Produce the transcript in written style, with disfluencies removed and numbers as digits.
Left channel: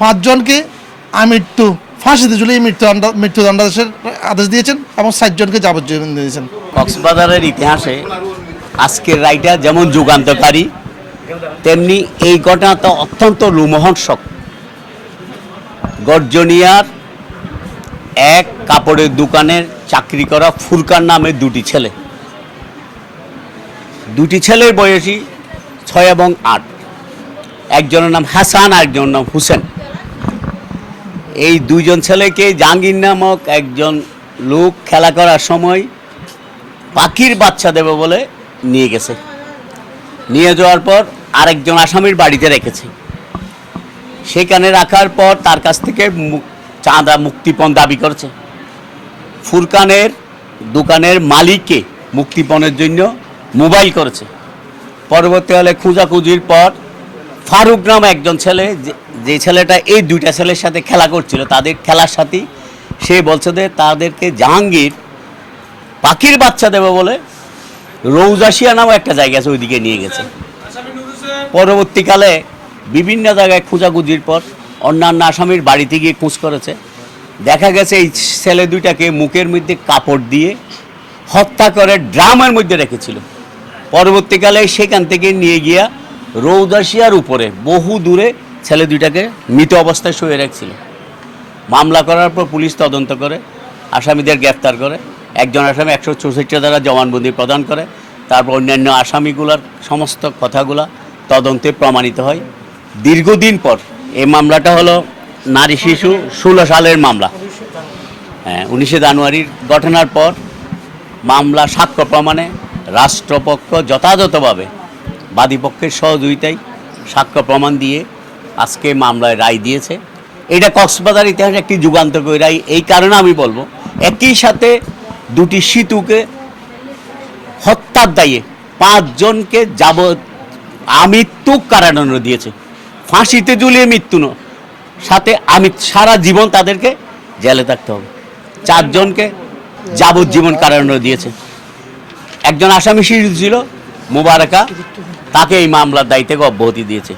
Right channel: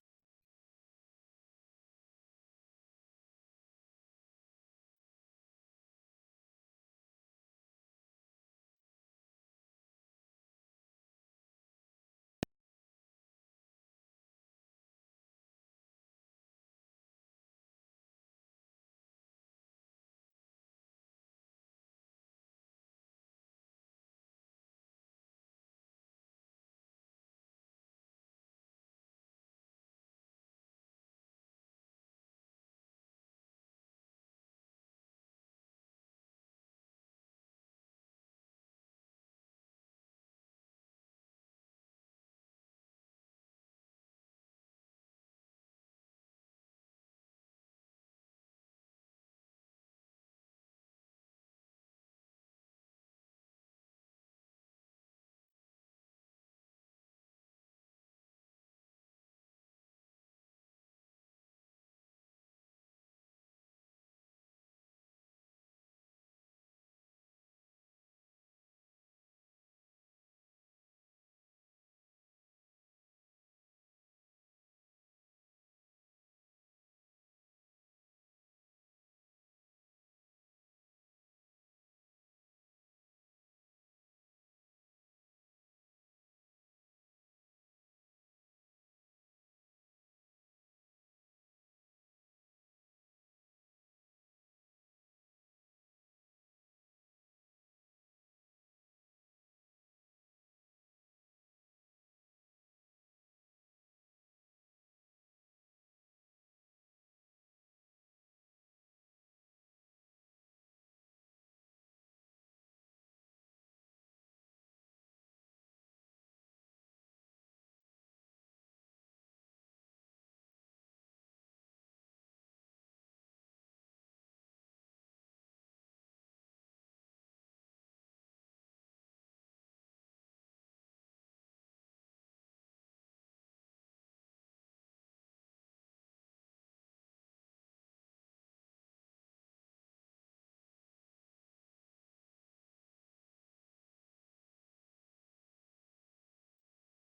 5 জনকে আমৃত্যু ফাঁসিতে ঝুলিয়ে মৃত্যুদণ্ডাদেশের আদেশ দিয়েছেন এবং 7 জনকে যাবজ্জীবন দিয়েছেন। কক্সবাজারের ইতিহাসে আজকের রায়টা যেমন যুগান্তকারী, তেমনি এই ঘটনাটা অত্যন্ত রোমহর্ষক। গর্জনিয়ার এক কাপড়ের দোকানের চাকরি করা ফুরকান নামে দুটি ছেলের বয়সী 6 এবং 8। একজনের নাম হাসান, আরেকজনের নাম হুসেন। এই দুইজন ছেলেকে জাহাঙ্গীর নামক একজন লোক খেলা করার সময় পাখির বাচ্চা দেবে বলে নিয়ে গেছে। নিয়ে যাওয়ার পর আরেকজন আসামির বাড়িতে রেখেছে। সেখানে রাখার পর তার কাছ থেকে চাঁদা মুক্তিপণ দাবি করেছে। ফুরকানের দোকানের মালিককে মুক্তিপণের জন্য মোবাইল করেছে। পরবর্তীকালে খোঁজাখুঁজির পর ফারুক নামে একজন ছেলে, যে ছেলেটা এই দুইটা ছেলের সাথে খেলা করছিল, তাদের খেলার সাথী, সে বলছে যে তাদেরকে জাহাঙ্গীর পাখির বাচ্চা দেবে বলে রৌজাশিয়া নামে একটা জায়গা আছে, ওইদিকে নিয়ে গেছে। পরবর্তীকালে বিভিন্ন জায়গায় খোঁজাখুঁজির পর অন্যান্য আসামির বাড়িতে গিয়ে খোঁজ করেছে। দেখা গেছে এই ছেলে দুইটাকে মুখের মধ্যে কাপড় দিয়ে হত্যা করে ড্রামের মধ্যে রেখেছিল। পরবর্তীকালে সেখান থেকে নিয়ে গিয়া রৌদাসিয়ার উপরে বহু দূরে ছেলে দুইটাকে মৃত অবস্থায় শুয়ে রাখছিল। মামলা করার পর পুলিশ তদন্ত করে আসামিদের গ্রেফতার করে। একজন আসামি 164 ধারা জবানবন্দি প্রদান করে। তারপর অন্যান্য আসামিগুলোর সমস্ত কথাগুলা তদন্তে প্রমাণিত হয়। দীর্ঘদিন পর এই মামলাটা হলো নারী শিশু 16 সালের মামলা। 19 জানুয়ারির ঘটনার পর মামলা সাক্ষ্য প্রমাণে রাষ্ট্রপক্ষ যথাযথভাবে বাদীপক্ষের সহযোগিতায় সাক্ষ্য প্রমাণ দিয়ে আজকে মামলায় রায় দিয়েছে। এটা কক্সবাজার ইতিহাসে একটি যুগান্তকারী রায়। এই কারণে আমি বলবো, একই সাথে দুটি শিশুকে হত্যার দায়ে 5 জনকে আমৃত্যু কারাদণ্ড দিয়েছে। ফাঁসিতে ঝুলিয়ে মৃত্যু সাথে সারা জীবন তাদেরকে জেলে থাকতে হবে। 4 জনকে যাবজ্জীবন কারাদণ্ড দিয়েছে। একজন আসামি শিশু ছিল মোবারকা, তাকে এই মামলার দায়িত্ব থেকে অব্যাহতি দিয়েছে।